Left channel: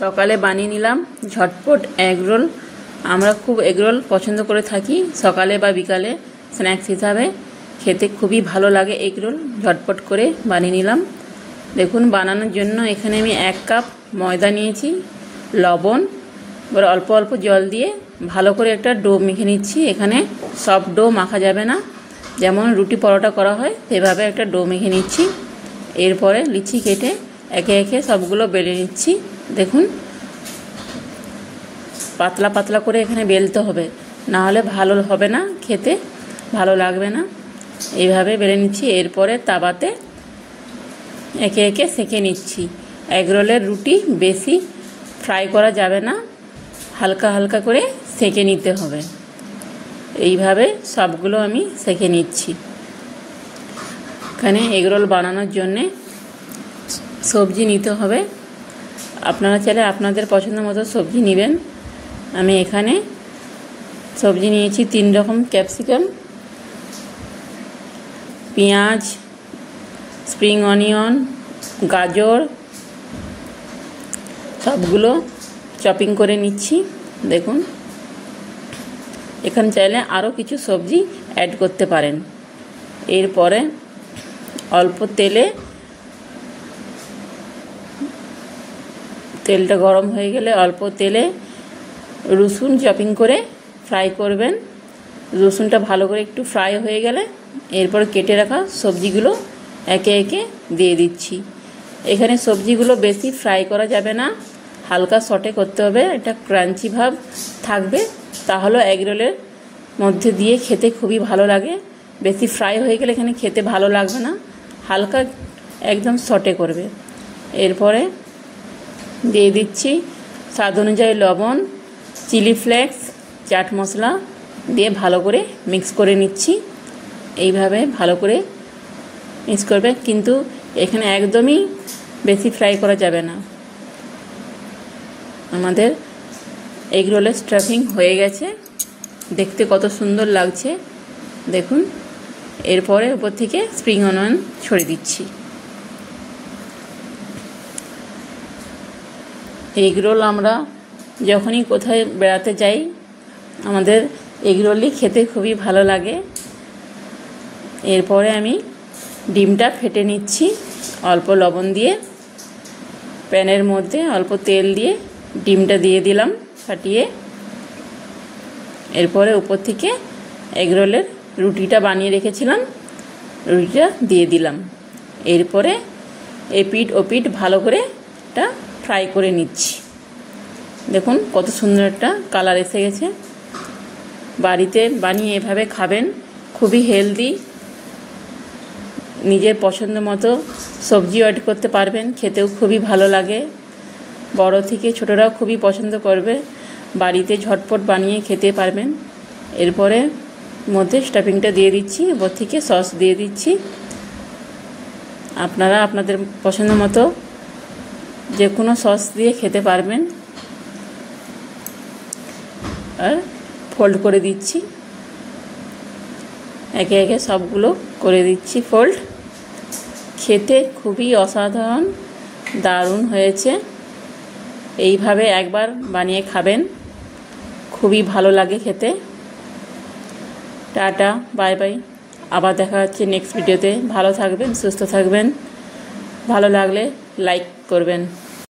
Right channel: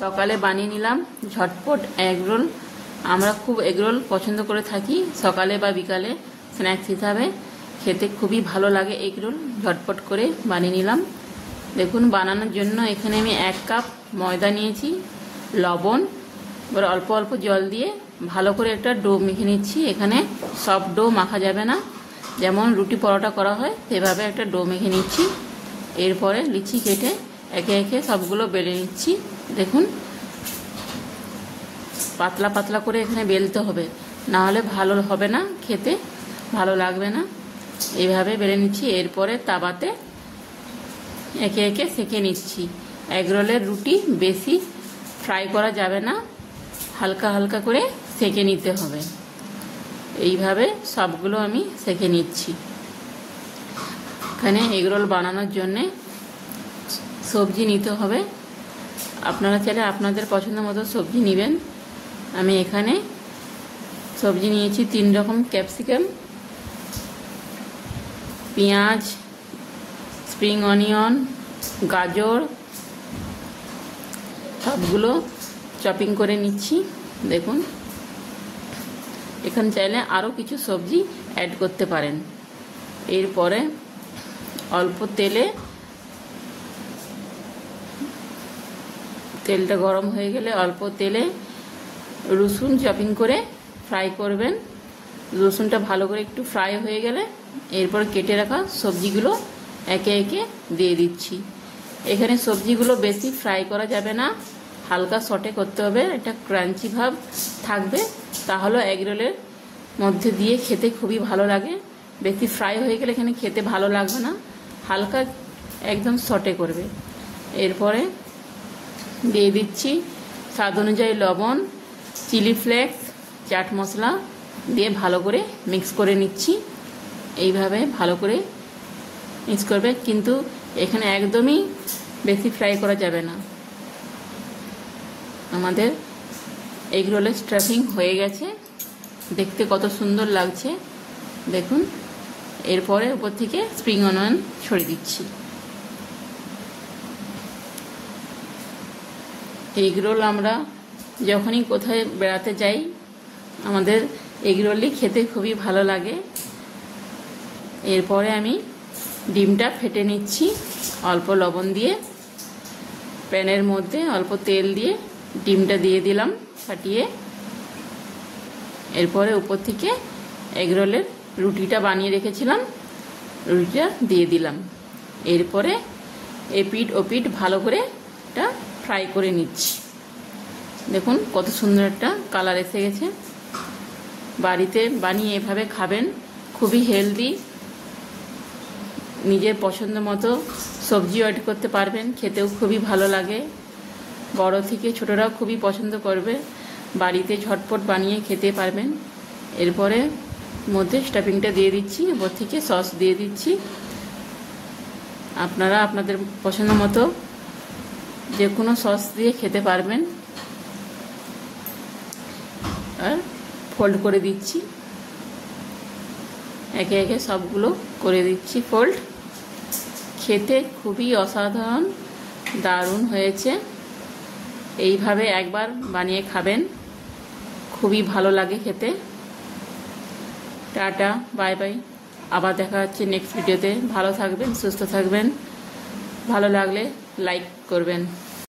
সকালে বানিয়ে নিলাম ঝটপট এগ রোল। আমরা খুব এগ রোল পছন্দ করে থাকি সকালে বা বিকালে স্ন্যাক্স হিসাবে, খেতে খুবই ভালো লাগে এগ রোল। ঝটপট করে বানিয়ে নিলাম। দেখুন, বানানোর জন্য এখানে আমি 1 কাপ ময়দা নিয়েছি, লবণ, এবার অল্প অল্প জল দিয়ে ভালো করে একটা ডো মেখে নিচ্ছি। এখানে সফট ডো মাখা যাবে না, যেমন রুটি পরোটা করা হয় সেভাবে একটা ডো মেখে নিচ্ছি। এরপরে লিচি কেটে একে একে সবগুলো বেলে নিচ্ছি। দেখুন, পাতলা পাতলা করে এখানে বেলতে হবে, না হলে ভালো হবে না, খেতে ভালো লাগবে না। এইভাবে বেলে নিচ্ছি। এরপরে তাওয়াতে একে একে সেঁকে নিচ্ছি। এগ রোলের রুটি বেশি ফ্রাই করা যাবে না, হালকা হালকা করে সেঁকে নিতে হবে। এইভাবে সবগুলো আমি সেঁকে নিচ্ছি। এখানে এগ রোল বানানোর জন্যে সবজি নিতে হবে। আপনারা চাইলে আপনাদের পছন্দ মতো সবজি নেবেন। আমি এখানে সবজি নিয়েছি 3 রকম: ক্যাপসিকাম, পেঁয়াজ, স্প্রিং অনিয়ন, গাজর, সবগুলো চপিং করে নিচ্ছি। দেখুন, এখানে চাইলে আরও কিছু সবজি অ্যাড করতে পারেন। এরপরে অল্প তেলটা গরম হয়ে গেলে অল্প তেলে রসুন চপিং করে ফ্রাই করবেন। রসুনটা ভালো করে একটু ফ্রাই হয়ে গেলে এরপর কেটে রাখা সবজিগুলো একে একে দিয়ে দিচ্ছি। এখানে সবজিগুলো বেশি ফ্রাই করা যাবে না, হালকা সটে করতে হবে, এটা ক্রাঞ্চি ভাব থাকবে, তাহলে এগ রোলের মধ্যে দিয়ে খেতে খুবই ভালো লাগে। বেশি ফ্রাই হয়ে গেলে এখানে খেতে ভালো লাগবে না, হালকা একদম সটে করবে। এরপরে দিয়ে দিচ্ছি স্বাদ অনুযায়ী লবণ, চিলি ফ্লেক্স, চাট মশলা দিয়ে ভালো করে মিক্স করে নিচ্ছি। এইভাবে ভালো করে মিক্স করবে, কিন্তু এখানে একদমই বেশি ফ্রাই করা যাবে না। আমাদের এগ রোলের স্টাফিং হয়ে গেছে, দেখতে কত সুন্দর লাগছে দেখুন। এরপরে উপর থেকে স্প্রিং অনিয়ন ছড়িয়ে দিচ্ছি। এগ রোল আমরা যখনই কোথায় বেড়াতে যাই আমাদের এগ রোলই খেতে খুবই ভালো লাগে। এরপরে আমি ডিমটা ফেটে নিচ্ছি অল্প লবণ দিয়ে। প্যানের মধ্যে অল্প তেল দিয়ে ডিমটা দিয়ে দিলাম ফাটিয়ে। এরপরে উপর থেকে এগ রোলের রুটিটা বানিয়ে রেখেছিলাম, রুটিটা দিয়ে দিলাম। এরপরে এপিঠ ওপিঠ ভালো করে এটা ফ্রাই করে নিচ্ছি। দেখুন কত সুন্দর একটা কালার এসে গেছে। বাড়িতে বানিয়ে এভাবে খাবেন, খুবই হেলদি। নিজের পছন্দ মতো সবজিও অ্যাড করতে পারবেন, খেতেও খুবই ভালো লাগে। বড় থেকে ছোটরাও খুবই পছন্দ করবে, বাড়িতে ঝটপট বানিয়ে খেতে পারবেন। এরপরে মধ্যে স্টাফিংটা দিয়ে দিচ্ছি, ওপর থেকে সস দিয়ে দিচ্ছি। আপনারা আপনাদের পছন্দ মতো যে কোনো সস দিয়ে খেতে পারবেন। আর ফোল্ড করে দিচ্ছি, একে একে সবগুলো করে দিচ্ছি ফোল্ড। খেতে খুবই অসাধারণ, দারুণ হয়েছে। এইভাবে একবার বানিয়ে খাবেন, খুবই ভালো লাগে খেতে। টাটা, বাই বাই, আবার দেখা হচ্ছে নেক্সট ভিডিওতে। ভালো থাকবেন, সুস্থ থাকবেন। ভালো লাগলে লাইক করবেন।